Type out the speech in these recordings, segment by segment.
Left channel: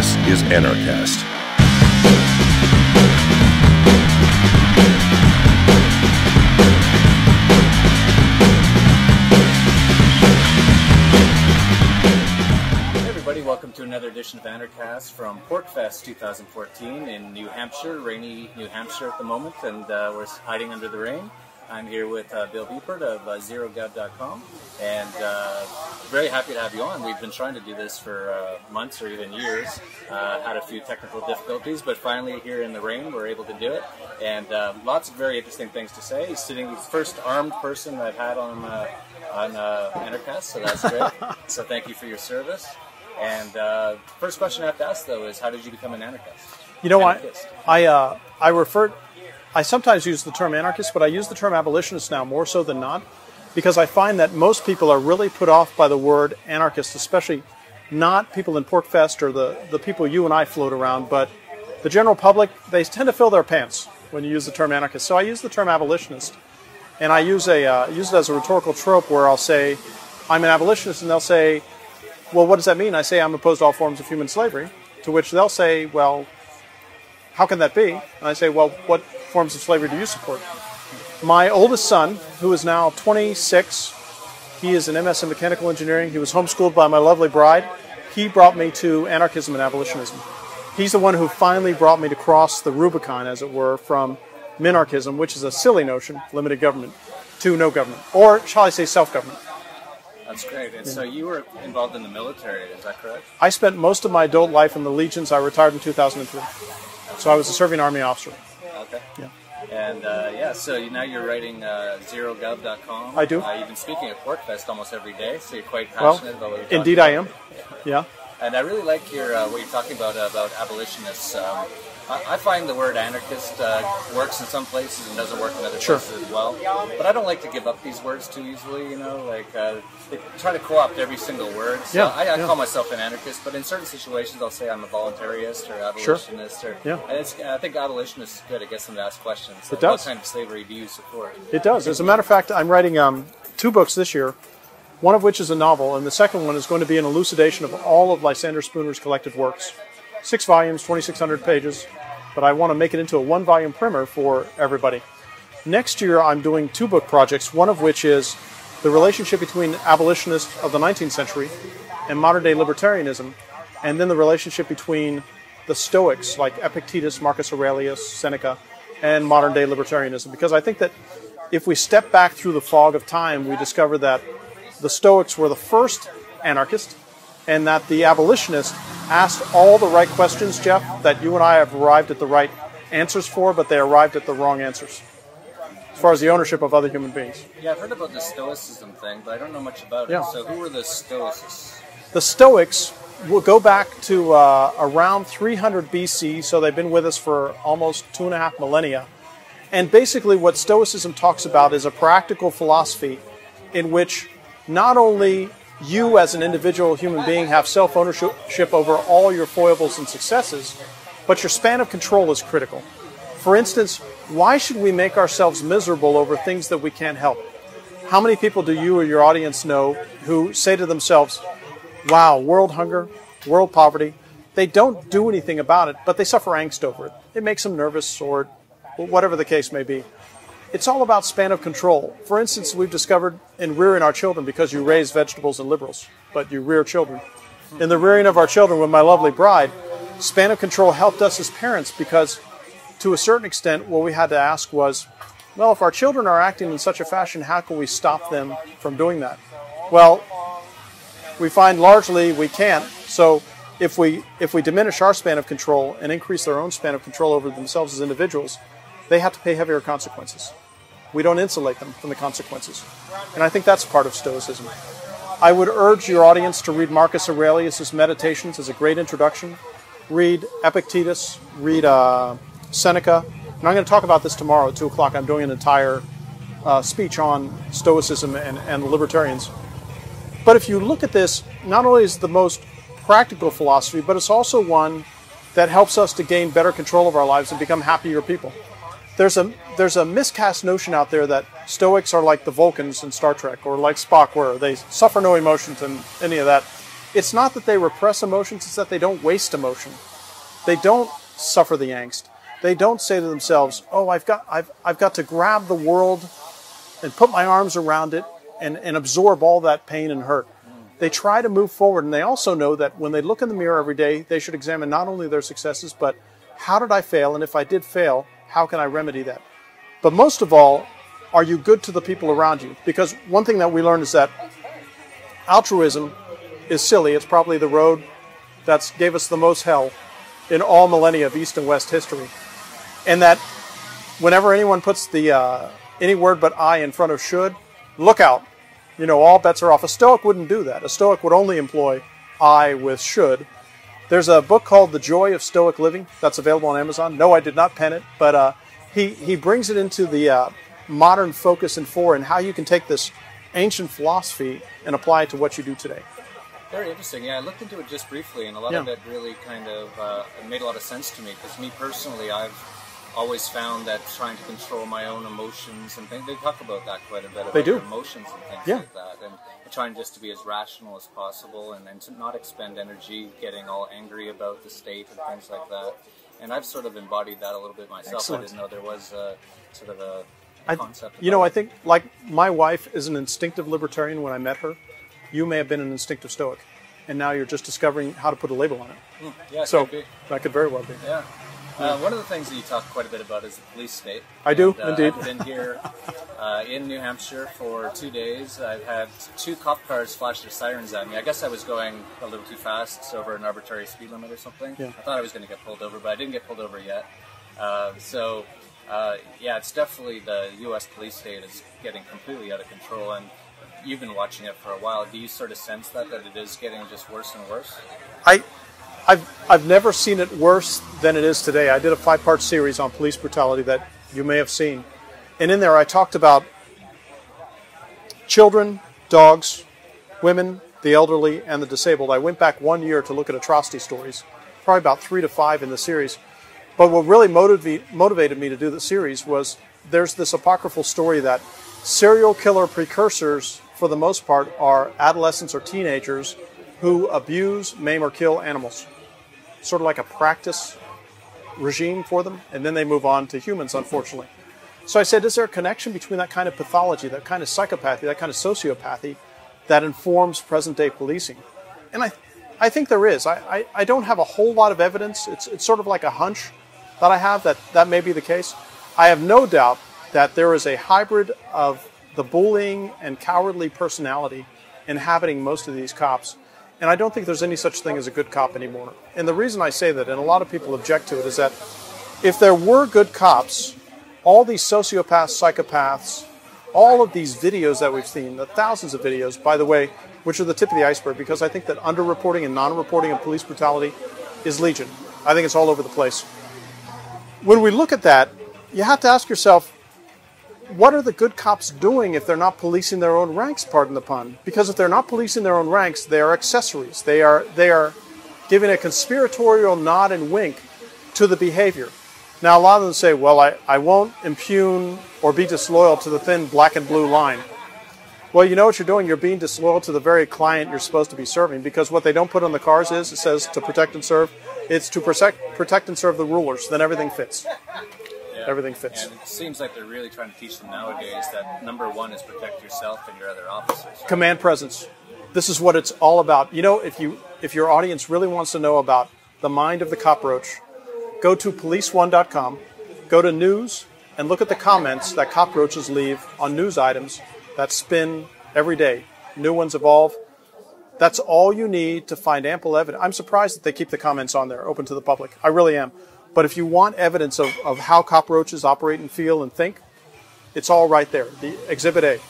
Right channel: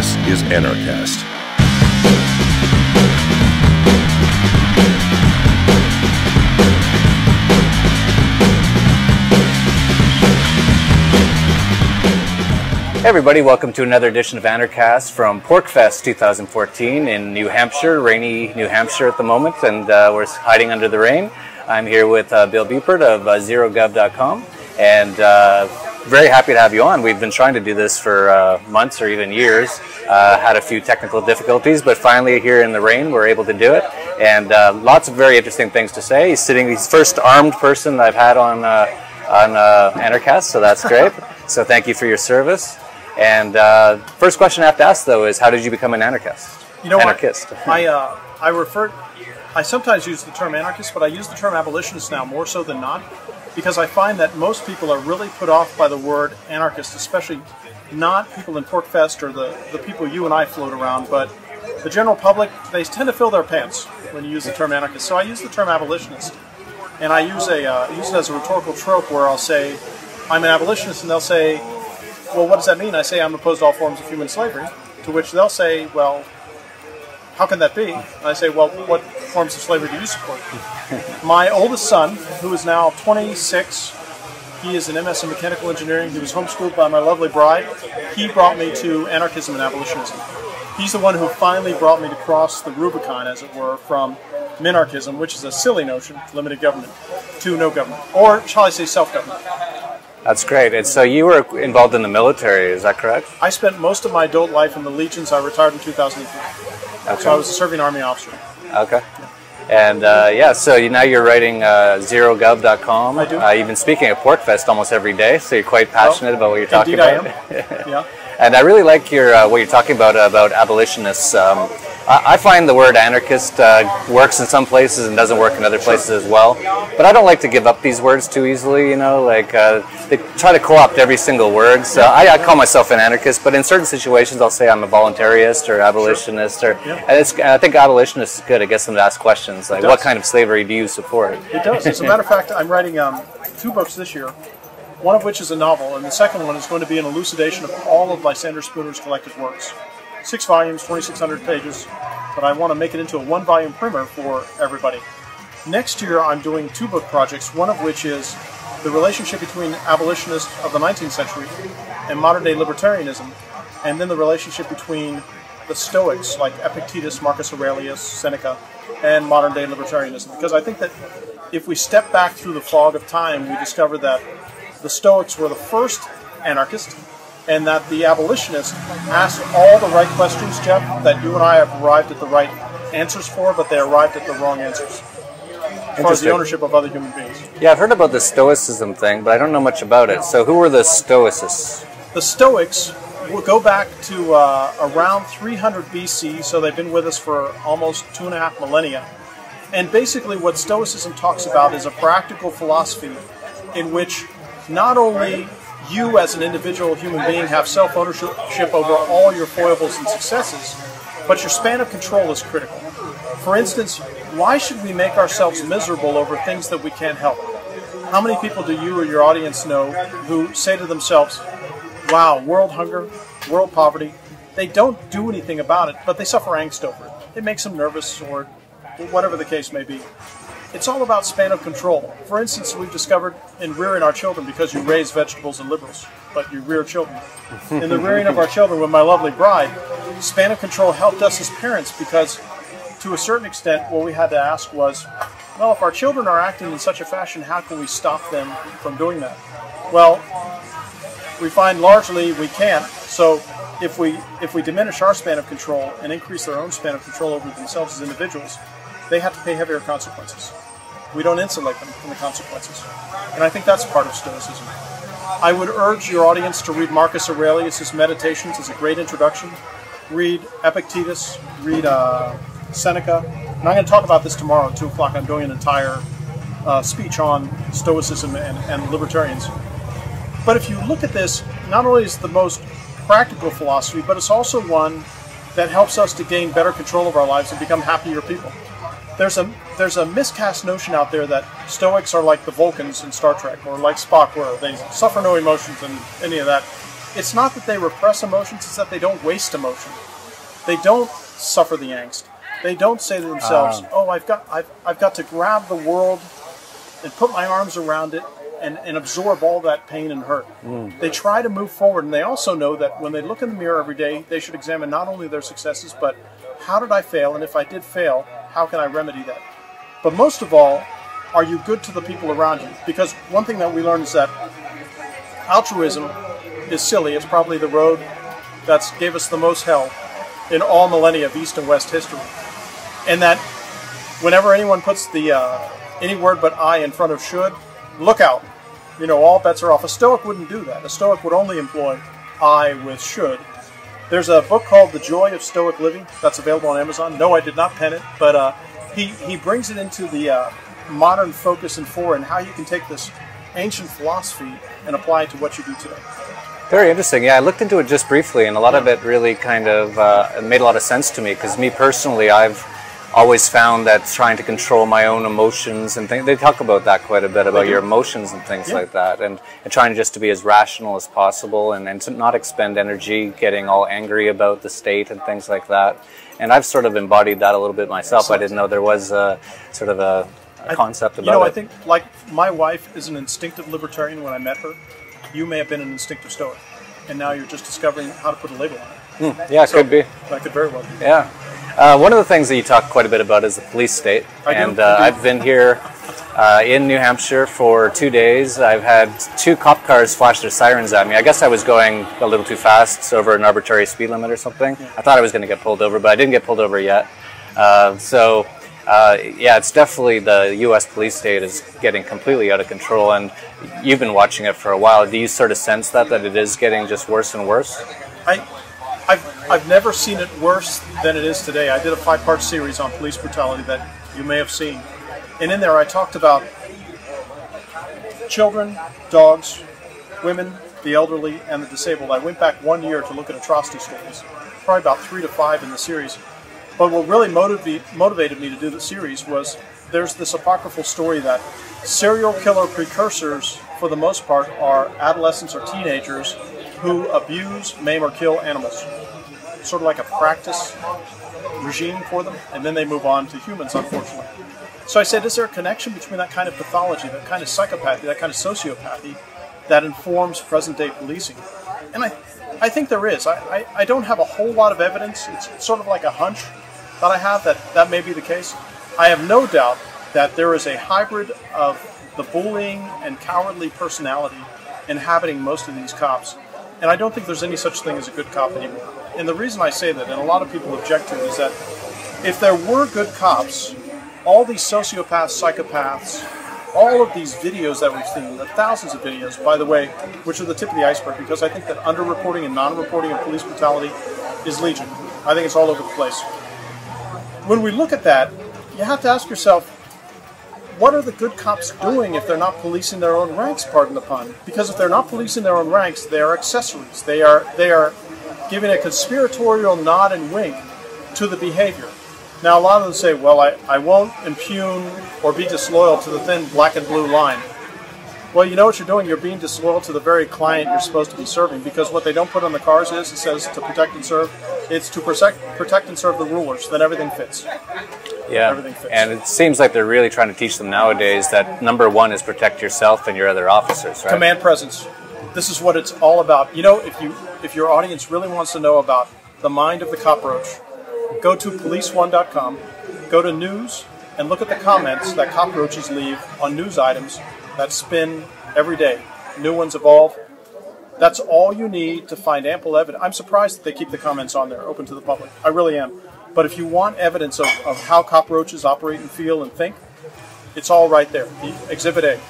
This is Anarchast. Hey everybody, welcome to another edition of Anarchast from Porcfest 2014 in New Hampshire, rainy New Hampshire at the moment, and we're hiding under the rain. I'm here with Bill Buppert of zerogov.com, and very happy to have you on. We've been trying to do this for months or even years, had a few technical difficulties, but finally here in the rain we're able to do it, and lots of very interesting things to say. He's the first armed person that I've had on Anarchast, so that's great. So thank you for your service. And first question I have to ask, though, is how did you become an anarchist? You know, Anarchist. I sometimes use the term anarchist, but I use the term abolitionist now more so than not, because I find that most people are really put off by the word anarchist, especially not people in Porcfest or the people you and I float around, but the general public, they tend to fill their pants when you use the term anarchist. So I use the term abolitionist, and I use it as a rhetorical trope where I'll say, I'm an abolitionist, and they'll say, well, what does that mean? I say I'm opposed to all forms of human slavery, to which they'll say, well, how can that be? I say, well, what forms of slavery do you support? My oldest son, who is now 26, he is an MS in mechanical engineering. He was homeschooled by my lovely bride. He brought me to anarchism and abolitionism. He's the one who finally brought me to cross the Rubicon, as it were, from minarchism, which is a silly notion, limited government, to no government, or shall I say self-government. That's great. And so you were involved in the military, is that correct? I spent most of my adult life in the Legions. I retired in 2003. Okay. So I was a serving Army officer. Okay. Yeah. And so now you're writing zerogov.com. I do. You've been speaking at Porcfest almost every day, so you're quite passionate about what you're talking about. Indeed I am. Yeah. And I really like what you're talking about abolitionists. I find the word anarchist works in some places and doesn't work in other places as well. But I don't like to give up these words too easily, you know, like they try to co-opt every single word. So I call myself an anarchist, but in certain situations I'll say I'm a voluntarist or abolitionist. Or, and I think abolitionist is good. It gets them to ask questions like, what kind of slavery do you support? It does. As a matter of fact, I'm writing 2 books this year, one of which is a novel, and the second one is going to be an elucidation of all of Lysander Spooner's collective works. 6 volumes, 2,600 pages, but I want to make it into a 1-volume primer for everybody. Next year I'm doing 2 book projects, one of which is the relationship between abolitionists of the 19th century and modern-day libertarianism, and then the relationship between the Stoics like Epictetus, Marcus Aurelius, Seneca, and modern-day libertarianism. Because I think that if we step back through the fog of time, we discover that the Stoics were the first anarchists, and that the abolitionists asked all the right questions, Jeff, that you and I have arrived at the right answers for, but they arrived at the wrong answers as far as the ownership of other human beings. Yeah, I've heard about the stoicism thing, but I don't know much about it. So who were the stoicists? The Stoics will go back to around 300 BC, so they've been with us for almost 2.5 millennia. And basically what Stoicism talks about is a practical philosophy in which not only you as an individual human being have self-ownership over all your foibles and successes, but your span of control is critical. For instance, why should we make ourselves miserable over things that we can't help? How many people do you or your audience know who say to themselves, wow, world hunger, world poverty, they don't do anything about it, but they suffer angst over it. It makes them nervous or whatever the case may be. It's all about span of control. For instance, we've discovered in rearing our children, because you raise vegetables and liberals, but you rear children. In the rearing of our children with my lovely bride, span of control helped us as parents because, to a certain extent, what we had to ask was, well, if our children are acting in such a fashion, how can we stop them from doing that? Well, we find largely we can't. So if we diminish our span of control and increase their own span of control over themselves as individuals, they have to pay heavier consequences. We don't insulate them from the consequences. And I think that's part of Stoicism. I would urge your audience to read Marcus Aurelius' Meditations as a great introduction. Read Epictetus, read Seneca. And I'm going to talk about this tomorrow at 2 o'clock. I'm doing an entire speech on Stoicism and libertarians. But if you look at this, not only is it the most practical philosophy, but it's also one that helps us to gain better control of our lives and become happier people. There's a miscast notion out there that Stoics are like the Vulcans in Star Trek, or like Spock were. They suffer no emotions and any of that. it's not that they repress emotions, it's that they don't waste emotion. They don't suffer the angst. They don't say to themselves, "Oh, I've got to grab the world and put my arms around it and absorb all that pain and hurt." They try to move forward, and they also know that when they look in the mirror every day, they should examine not only their successes, but how did I fail, and if I did fail, how can I remedy that? But most of all, are you good to the people around you? Because one thing that we learned is that altruism is silly. It's probably the road that's gave us the most hell in all millennia of East and West history. And that whenever anyone puts the any word but I in front of should, look out. You know, all bets are off. A Stoic wouldn't do that. A Stoic would only employ I with should. There's a book called The Joy of Stoic Living that's available on Amazon. No, I did not pen it, but he brings it into the modern focus and how you can take this ancient philosophy and apply it to what you do today. Very interesting. Yeah, I looked into it just briefly, and a lot of it really kind of made a lot of sense to me, because me personally, I've always found that trying to control my own emotions and things, they talk about that quite a bit, about your emotions and things like that, and trying just to be as rational as possible and to not expend energy getting all angry about the state and things like that. And I've sort of embodied that a little bit myself. I didn't know there was a sort of a concept about it. You know, I think, like, my wife is an instinctive libertarian when I met her. You may have been an instinctive Stoic, and now you're just discovering how to put a label on it. Yeah, it could be. That could very well be. Yeah. One of the things that you talk quite a bit about is the police state. I do. I've been here in New Hampshire for 2 days. I've had 2 cop cars flash their sirens at me. I guess I was going a little too fast over an arbitrary speed limit or something. Yeah. I thought I was going to get pulled over, but I didn't get pulled over yet. Yeah, it's definitely the U.S. police state is getting completely out of control, and you've been watching it for a while. Do you sort of sense that it is getting just worse and worse? I've never seen it worse than it is today. I did a 5-part series on police brutality that you may have seen. And in there I talked about children, dogs, women, the elderly, and the disabled. I went back 1 year to look at atrocity stories, probably about 3 to 5 in the series. But what really motivated me to do the series was there's this apocryphal story that serial killer precursors, for the most part, are adolescents or teenagers who abuse, maim, or kill animals. Sort of like a practice regime for them, and then they move on to humans, unfortunately. So I said, is there a connection between that kind of pathology, that kind of psychopathy, that kind of sociopathy that informs present-day policing? And I think there is. I don't have a whole lot of evidence. It's sort of like a hunch that I have that may be the case. I have no doubt that there is a hybrid of the bullying and cowardly personality inhabiting most of these cops. And I don't think there's any such thing as a good cop anymore. And the reason I say that, and a lot of people object to it, is that if there were good cops, all these sociopaths, psychopaths, all of these videos that we've seen, the thousands of videos, by the way, which are the tip of the iceberg, because I think that underreporting and non-reporting of police brutality is legion. I think it's all over the place. When we look at that, you have to ask yourself, what are the good cops doing if they're not policing their own ranks, pardon the pun? Because if they're not policing their own ranks, they are accessories. They are giving a conspiratorial nod and wink to the behavior. Now, a lot of them say, well, I won't impugn or be disloyal to the thin black and blue line. Well, you know what you're doing? You're being disloyal to the very client you're supposed to be serving, because what they don't put on the cars is, it says to protect and serve. It's to protect and serve the rulers. Then everything fits. Yeah, everything fits. And it seems like they're really trying to teach them nowadays that number one is protect yourself and your other officers, right? Command presence. This is what it's all about. You know, if your audience really wants to know about the mind of the cockroach, go to policeone.com, go to news, and look at the comments that cockroaches leave on news items that spin every day. New ones evolve. That's all you need to find ample evidence. I'm surprised that they keep the comments on there, open to the public. I really am. But if you want evidence of how cockroaches operate and feel and think, it's all right there. The Exhibit A.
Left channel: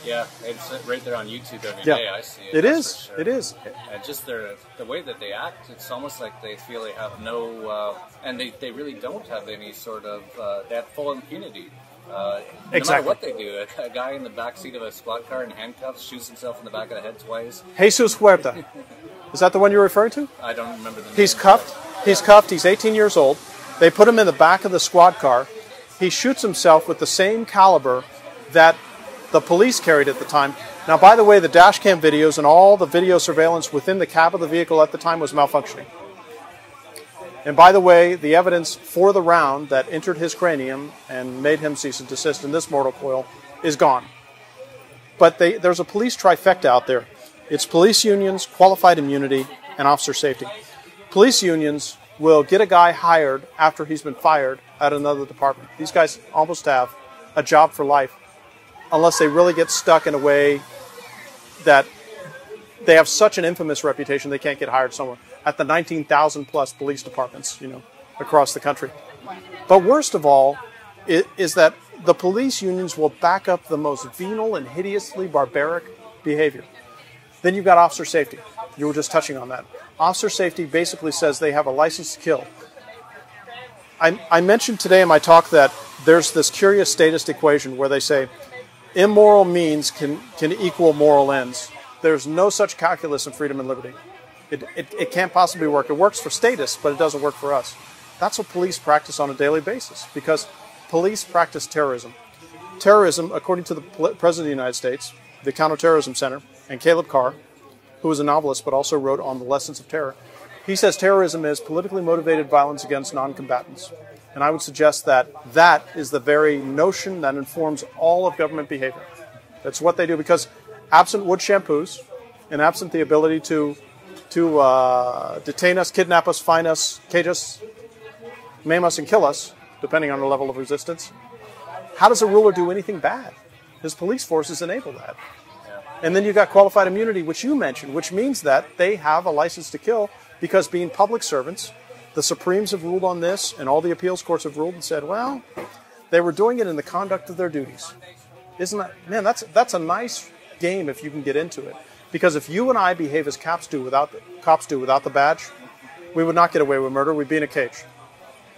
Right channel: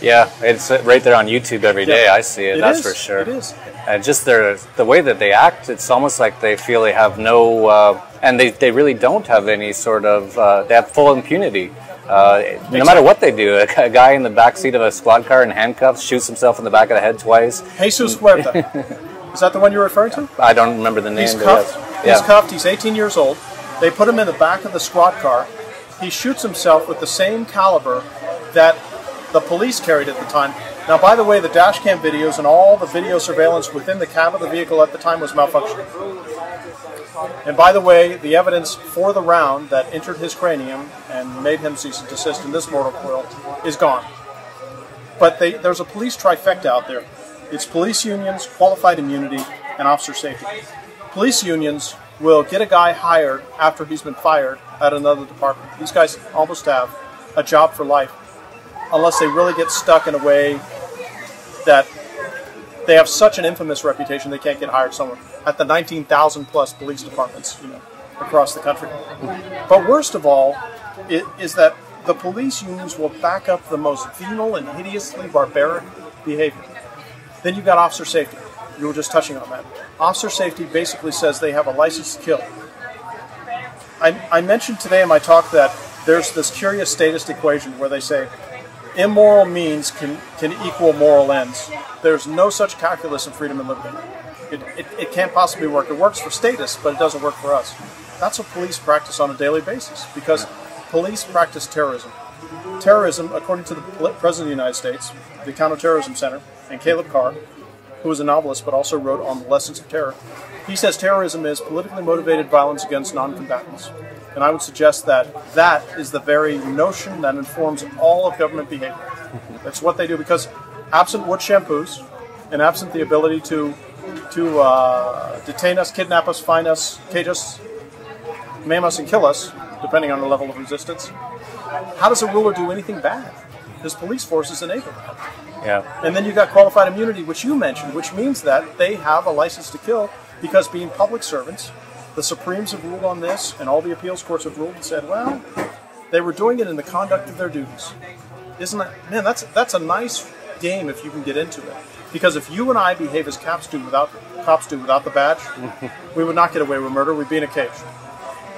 Yeah, it's right there on YouTube every day. I see it, that's for sure. It is. And just the way that they act, it's almost like they feel they have no, and they really don't have any sort of, they have full impunity. No matter what they do, a guy in the back seat of a squad car in handcuffs shoots himself in the back of the head twice. Jesus Huerta. Is that the one you're referring to? I don't remember the name. He's cuffed. He's cuffed. He's 18 years old. They put him in the back of the squad car. He shoots himself with the same caliber that the police carried at the time. Now, by the way, the dash cam videos and all the video surveillance within the cab of the vehicle at the time was malfunctioning. And by the way, the evidence for the round that entered his cranium and made him cease and desist in this mortal coil is gone. But there's a police trifecta out there. It's police unions, qualified immunity, and officer safety. Police unions will get a guy hired after he's been fired at another department. These guys almost have a job for life, unless they really get stuck in a way that they have such an infamous reputation they can't get hired somewhere at the 19,000 plus police departments, across the country. But worst of all is that the police unions will back up the most venal and hideously barbaric behavior. Then you've got officer safety. You were just touching on that. Officer safety basically says they have a license to kill. I mentioned today in my talk that there's this curious statist equation where they say immoral means can equal moral ends. There's no such calculus in freedom and liberty. It can't possibly work. It works for statists, but it doesn't work for us. That's what police practice on a daily basis, because police practice terrorism. Terrorism, according to the President of the United States, the Counterterrorism Center, and Caleb Carr, who was a novelist but also wrote on the lessons of terror, he says terrorism is politically motivated violence against non-combatants. And I would suggest that that is the very notion that informs all of government behavior. It's what they do, because absent wood shampoos and absent the ability to detain us, kidnap us, fine us, cage us, maim us, and kill us, depending on the level of resistance, how does a ruler do anything bad? His police forces enable that. Yeah. And then you got qualified immunity, which you mentioned, which means that they have a license to kill because, being public servants, the Supremes have ruled on this, and all the appeals courts have ruled and said, well, they were doing it in the conduct of their duties. Isn't that, man, that's a nice game if you can get into it. Because if you and I behave as cops do without the badge, we would not get away with murder. We'd be in a cage.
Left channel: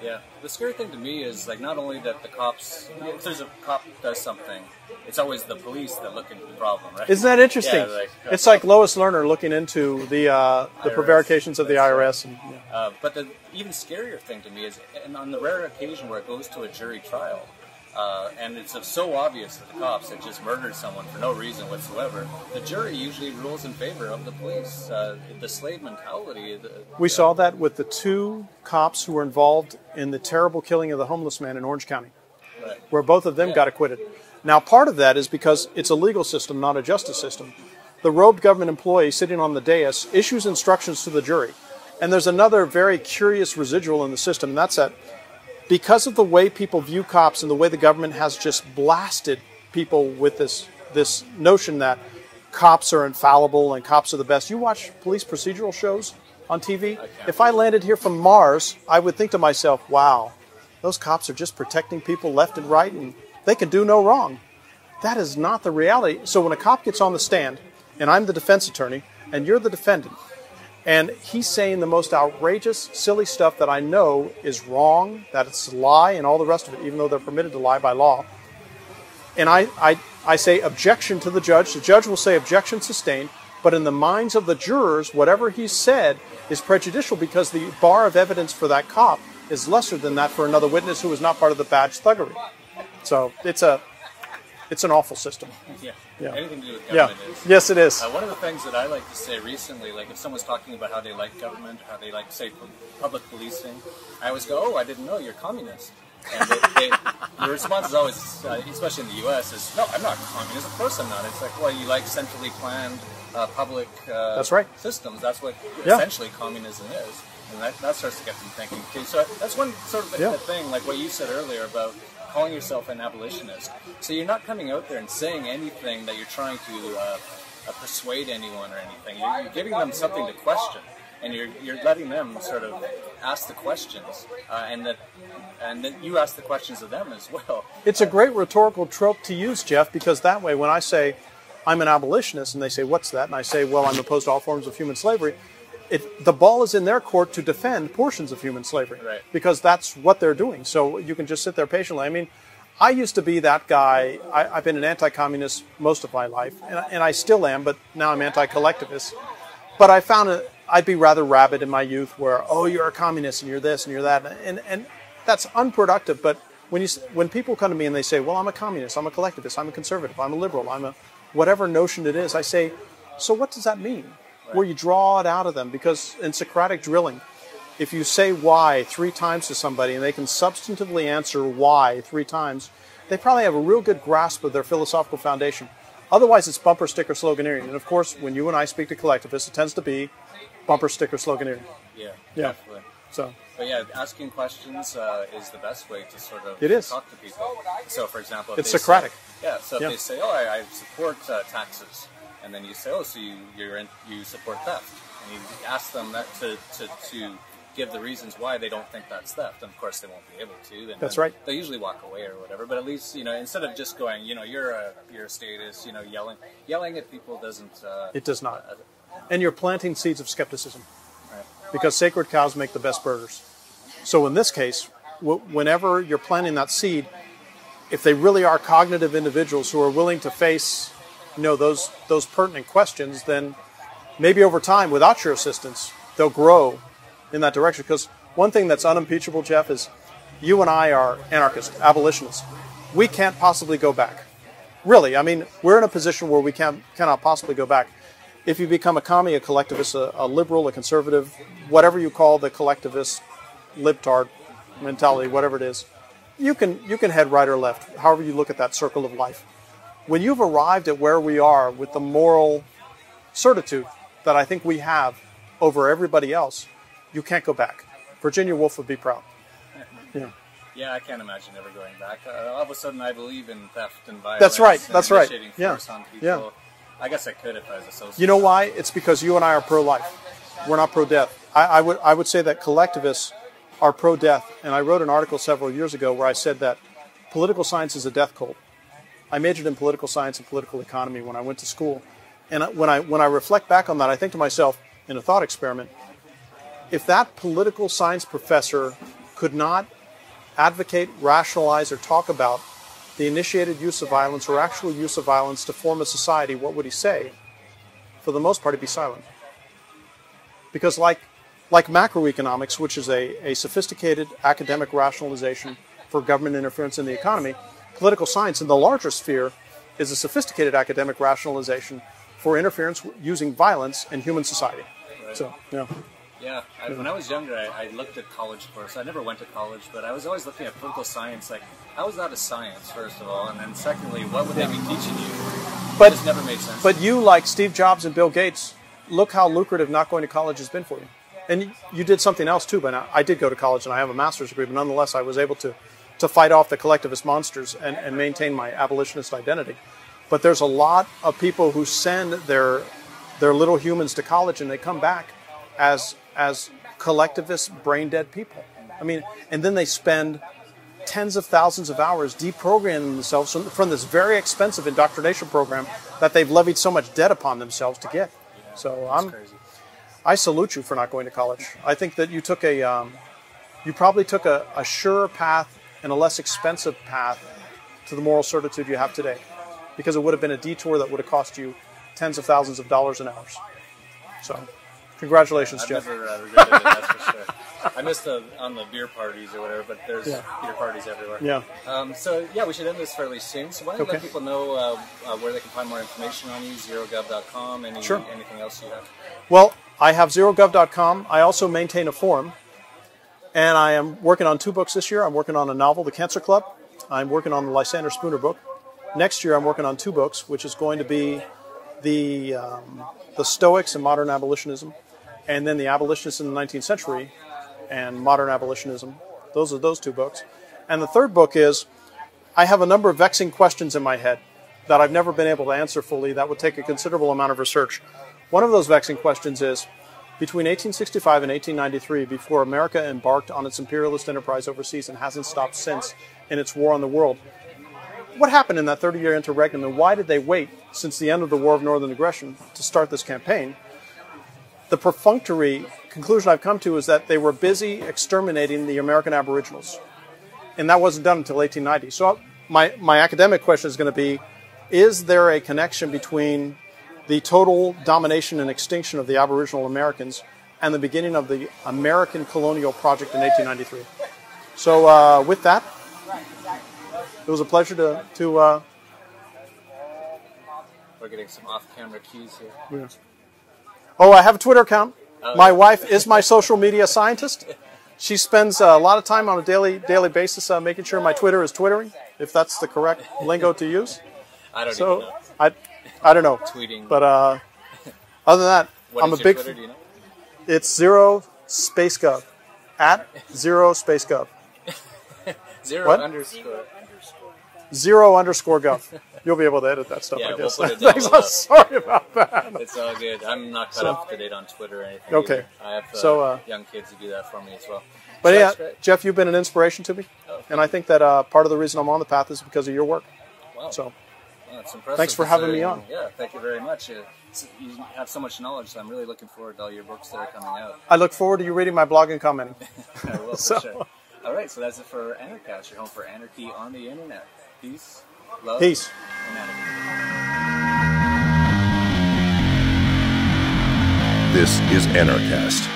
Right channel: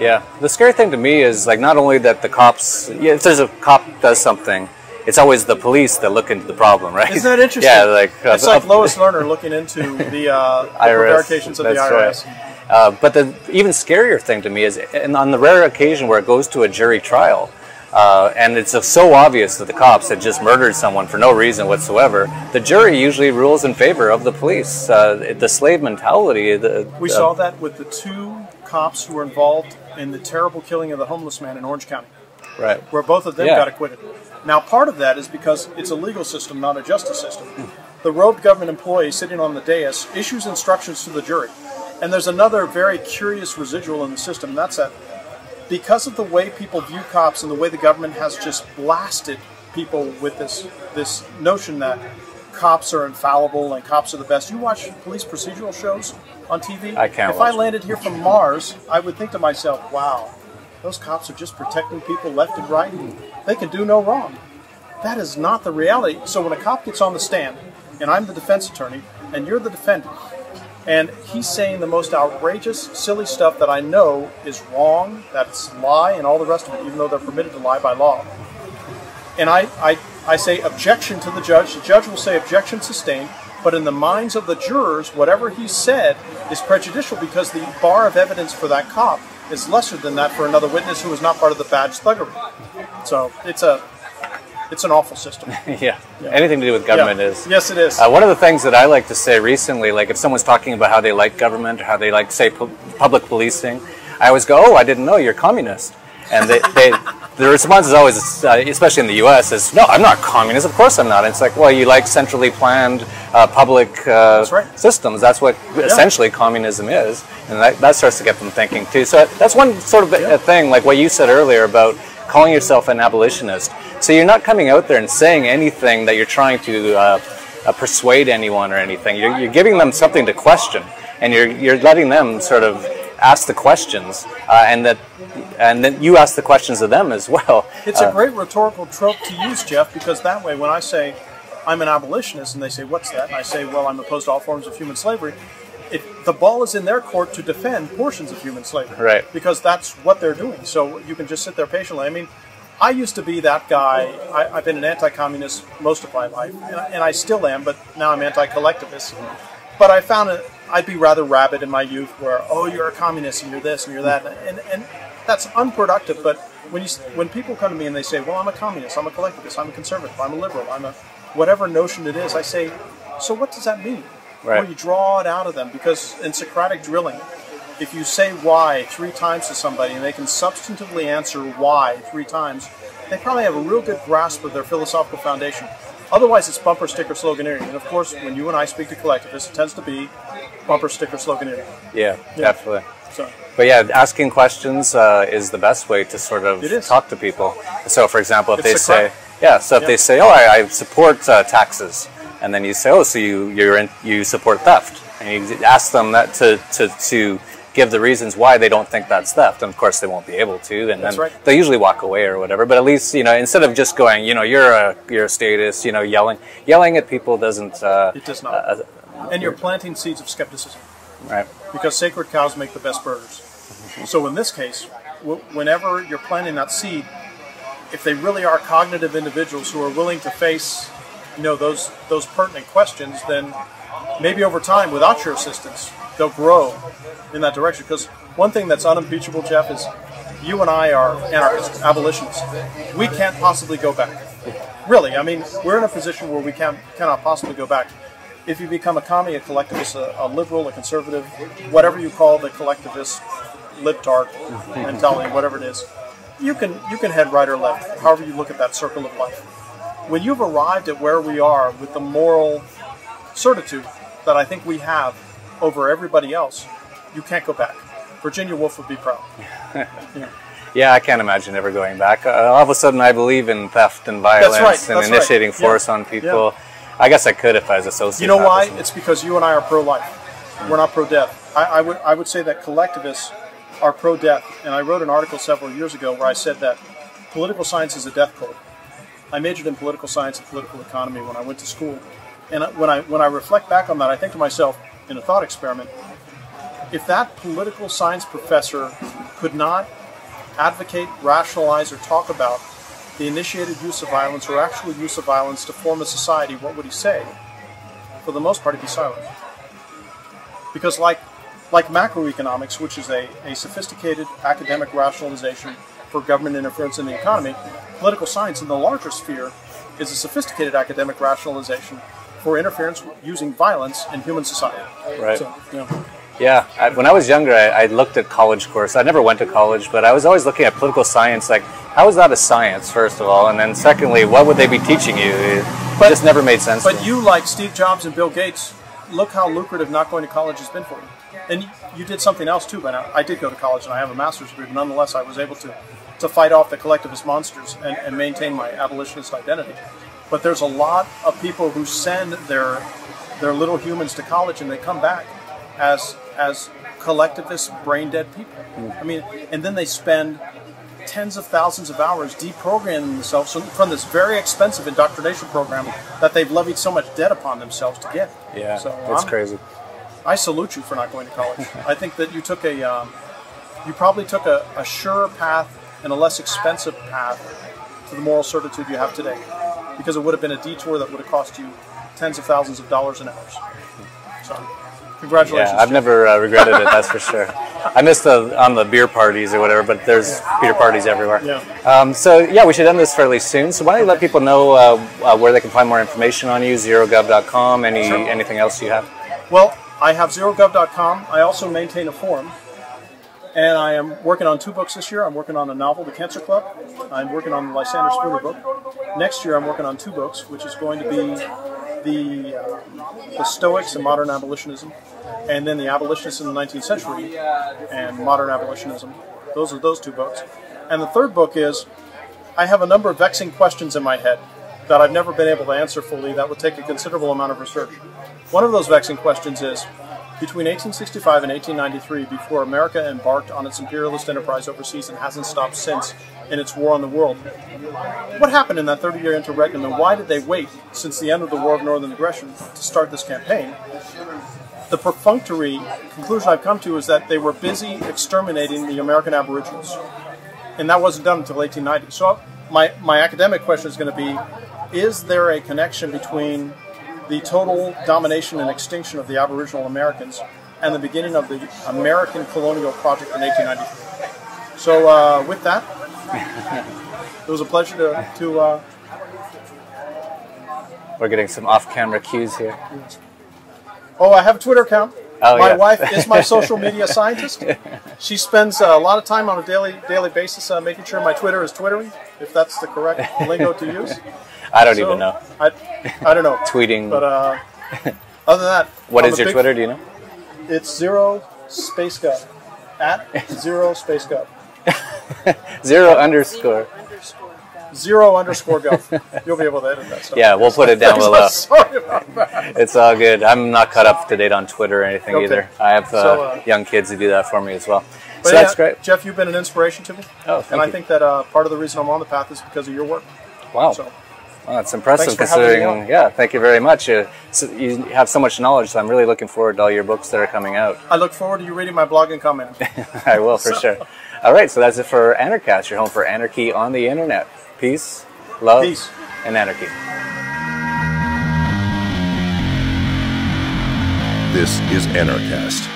Yeah. The scary thing to me is, like, not only that the cops, if there's a cop does something, it's always the police that look into the problem, right? Isn't that interesting? Yeah, like it's like Lois Lerner looking into the prevarications of the IRS. Right. But the even scarier thing to me is, and on the rare occasion where it goes to a jury trial, and it's so obvious that the cops had just murdered someone for no reason whatsoever, the jury usually rules in favor of the police. The slave mentality. We saw that with the two cops who were involved in the terrible killing of the homeless man in Orange County. Right. Where both of them got acquitted. Now, part of that is because it's a legal system, not a justice system. The robed government employee sitting on the dais issues instructions to the jury. And there's another very curious residual in the system, and that's that because of the way people view cops and the way the government has just blasted people with this notion that cops are infallible and cops are the best. You watch police procedural shows on TV? I can't. If I landed here from Mars, I would think to myself, wow, those cops are just protecting people left and right, and they can do no wrong. That is not the reality. So when a cop gets on the stand, and I'm the defense attorney, and you're the defendant, and he's saying the most outrageous, silly stuff that I know is wrong, that it's a lie, and all the rest of it, even though they're permitted to lie by law. And I say objection to the judge will say objection sustained, but in the minds of the jurors, whatever he said is prejudicial because the bar of evidence for that cop is lesser than that for another witness who was not part of the badge thuggery. So it's an awful system. Yeah. Anything to do with government is. Yes, it is. One of the things that I like to say recently, like if someone's talking about how they like government or how they like, say, public policing, I always go, oh, I didn't know you're communist. And the response is always, especially in the U.S., is, no, I'm not communist. Of course I'm not. And it's like, well, you like centrally planned public systems. That's what essentially communism is. And that starts to get them thinking, too. So that's one sort of a thing, like what you said earlier about calling yourself an abolitionist. So you're not coming out there and saying anything that you're trying to persuade anyone or anything. You're giving them something to question. And you're letting them sort of ask the questions, and then you ask the questions of them as well. It's a great rhetorical trope to use, Jeff, because that way when I say I'm an abolitionist and they say, what's that? And I say, well, I'm opposed to all forms of human slavery, the ball is in their court to defend portions of human slavery. Right. Because that's what they're doing. So you can just sit there patiently. I mean, I used to be that guy. I've been an anti-communist most of my life, and I still am, but now I'm anti-collectivist. But I found I'd be rather rabid in my youth where, oh, you're a communist and you're this and you're that. And that's unproductive. But when people come to me and they say, well, I'm a communist, I'm a collectivist, I'm a conservative, I'm a liberal, whatever notion it is, I say, so what does that mean? Right. Or you draw it out of them, because in Socratic drilling, if you say why 3 times to somebody and they can substantively answer why 3 times, they probably have a real good grasp of their philosophical foundation. Otherwise, it's bumper sticker sloganeering. And of course, when you and I speak to collectivists, it tends to be bumper sticker sloganeering. Yeah, definitely. So, but yeah, asking questions is the best way to sort of talk to people. So, for example, if they say, they say, oh, I support taxes, and then you say, oh, so you support theft, and you ask them that to give the reasons why they don't think that's theft, and of course they won't be able to, and then they'll usually walk away or whatever. But at least, instead of just going, you're a statist, yelling at people doesn't. It does not. And you're planting seeds of skepticism, right? Because sacred cows make the best burgers. So in this case, whenever you're planting that seed, if they really are cognitive individuals who are willing to face, those pertinent questions, then maybe over time, without your assistance, they'll grow in that direction. Because one thing that's unimpeachable, Jeff, is you and I are anarchists, abolitionists. We can't possibly go back. Really, I mean, we're in a position where we cannot possibly go back. If you become a commie, a collectivist, a liberal, a conservative, whatever you call the collectivist, libtard mentality, whatever it is, you can head right or left, however you look at that circle of life. When you've arrived at where we are with the moral certitude that I think we have over everybody else, you can't go back. Virginia Woolf would be proud. Yeah, I can't imagine ever going back. All of a sudden, I believe in theft and violence and initiating force on people. Yeah. I guess I could if I was a sociopath. You know why? It's because you and I are pro-life. We're not pro-death. I would say that collectivists are pro-death. And I wrote an article several years ago where I said that political science is a death cult. I majored in political science and political economy when I went to school. And when I reflect back on that, I think to myself, in a thought experiment, if that political science professor could not advocate, rationalize, or talk about the initiated use of violence or actual use of violence to form a society, what would he say? For the most part, he'd be silent. Because like macroeconomics, which is a sophisticated academic rationalization for government interference in the economy, political science in the larger sphere is a sophisticated academic rationalization for interference using violence in human society. Right. So, yeah, when I was younger, I looked at college courses. I never went to college, but I was always looking at political science, like, how is that a science, first of all? And then secondly, what would they be teaching you? It just never made sense. But you, like Steve Jobs and Bill Gates, look how lucrative not going to college has been for you. And you did something else, too. But I did go to college, and I have a master's degree, but nonetheless, I was able to fight off the collectivist monsters and maintain my abolitionist identity. But there's a lot of people who send their little humans to college, and they come back as collectivist, brain-dead people. I mean, and then they spend tens of thousands of hours deprogramming themselves from this very expensive indoctrination program that they've levied so much debt upon themselves to get. Yeah, so that's crazy. I salute you for not going to college. I think that you probably took a surer path and a less expensive path to the moral certitude you have today, because it would have been a detour that would have cost you tens of thousands of dollars and hours. So, congratulations. Yeah, I've never regretted it, that's for sure. I missed on the beer parties or whatever, but there's beer parties everywhere. Yeah. So, yeah, we should end this fairly soon. So why don't you let people know where they can find more information on you, zerogov.com, anything else you have? Well, I have zerogov.com. I also maintain a forum. And I am working on 2 books this year. I'm working on a novel, The Cancer Club. I'm working on the Lysander Spooner book. Next year, I'm working on 2 books, which is going to be the Stoics and modern abolitionism, and then the abolitionists in the 19th century and modern abolitionism. Those are those 2 books. And the 3rd book is, I have a number of vexing questions in my head that I've never been able to answer fully. That would take a considerable amount of research. One of those vexing questions is, between 1865 and 1893, before America embarked on its imperialist enterprise overseas and hasn't stopped since in its war on the world, what happened in that 30-year interregnum, and why did they wait since the end of the War of Northern Aggression to start this campaign? The perfunctory conclusion I've come to is that they were busy exterminating the American Aboriginals, and that wasn't done until 1890. So my academic question is going to be, is there a connection between the total domination and extinction of the Aboriginal Americans and the beginning of the American colonial project in 1893? So with that, it was a pleasure to We're getting some off-camera cues here. Oh, I have a Twitter account. Oh, my yeah. wife is my social media scientist. She spends a lot of time on a daily basis making sure my Twitter is twittering, if that's the correct lingo to use. I don't even know. I don't know. Tweeting. But other than that, what is your Twitter? Do you know? It's @0spacegov. @0spacegov. Zero underscore. 0_gov. You'll be able to edit that stuff. Yeah, we'll put it down below. Sorry about that. It's all good. I'm not caught up to date on Twitter or anything Okay. either. I have young kids who do that for me as well. But So yeah, that's great. Jeff, you've been an inspiration to me. Oh, thank and I you. think that part of the reason I'm on the path is because of your work. Wow. So, Well, that's impressive Thanks for having me considering. on. Yeah, thank you very much. So you have so much knowledge, so I'm really looking forward to all your books that are coming out. I look forward to you reading my blog and commenting. I will, for sure. All right, so that's it for Anarchast, your home for anarchy on the internet. Peace, love, Peace. and anarchy. This is Anarchast.